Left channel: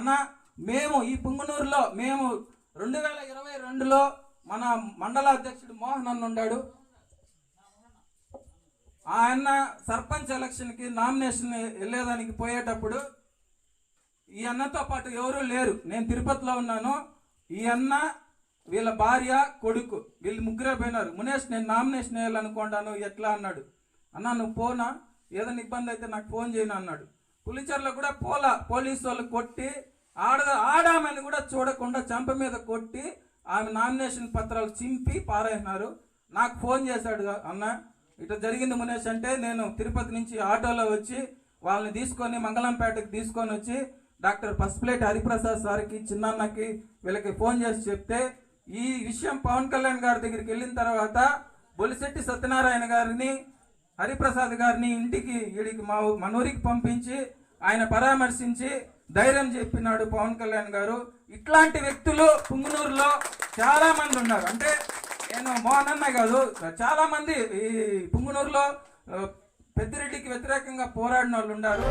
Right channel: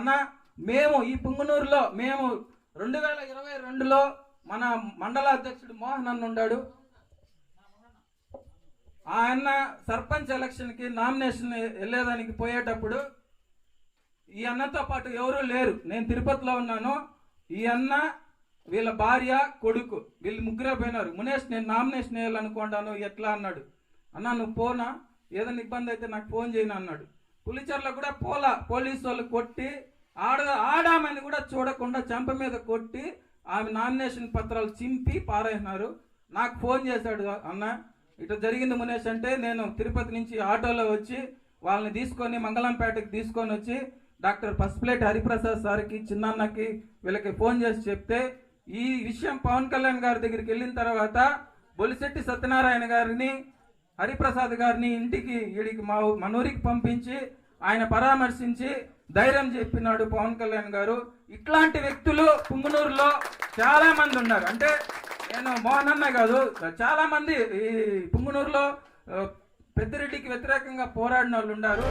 అన్న మేము ఈ పుంగనూరులో మేము 2022లో మన మండల అధ్యక్షుడు మోహన్ అన్న ఉన్నాడు. ఆయన సర్పంచ్ ఎలక్షన్కి నామినేషన్ వెళ్ళేదానికి పోయేటప్పుడు ఈ అన్నతో పాటు ఎవరూ లేరు. నేను తిరుపతిలో ఉన్నాను. ఈ అన్న, వీళ్ళ భార్య, కొడుకు, వీళ్ళు ముగ్గురే పోయినారు. మునేష్ నేను నామినేషన్ వేయాలనుకుంటాను ఎట్లా అన్నాడు. అన్న నువ్వు పోనా, ఏదైనా ఇబ్బంది అయితే నాకు ఫోన్ చేయను అన్నాడు. పులిచెర్లో కూడా పోలీసు వాళ్ళు కొట్టి ఆడామని కూడా చూడకుండా చెంప మీద కొట్టి ఆమె నామినేషన్ పత్రాలు చింపి పారేసినారు. నాకు ఫోన్ చేశాడు, అన్న ఇట్లా జరిగింది మునేష్ అంటే నేను తిరుపతి నుంచి ఆటోలో వచ్చి వాళ్ళని తీసుకొని మంగళంపేటకి తీసుకొని వచ్చి డాక్టర్ పసుపులేటి హరిప్రసాద్ సార్కి, చిన్నన్నకి, వీళ్ళకి ఫోన్ చేసి చెప్తే ఈ విషయం పవన్ కళ్యాణ్ గారి దగ్గరికి వెళ్ళిన తర్వాత బొలిశెట్టి సత్యనారాయణ గారిని, హరిప్రసాద్ గారిని ఇంటికి వీడికి మన ఊరికి పంపించి ఆయన పరామర్శించి ధైర్యం చెప్పినాడు పవన్ కళ్యాణ్ గారు. ఇట్లాంటి వ్యక్తులు పుంగనూరులో చాలా మంది ఉన్నారు. అంటే నేను మోహన్ అన్న కాదు, చాలా మంది ఈ పుంగనూరులో పెద్దిరెడ్డికి వ్యతిరేకంగా పోరాడిన వాళ్ళు ఉన్నారు.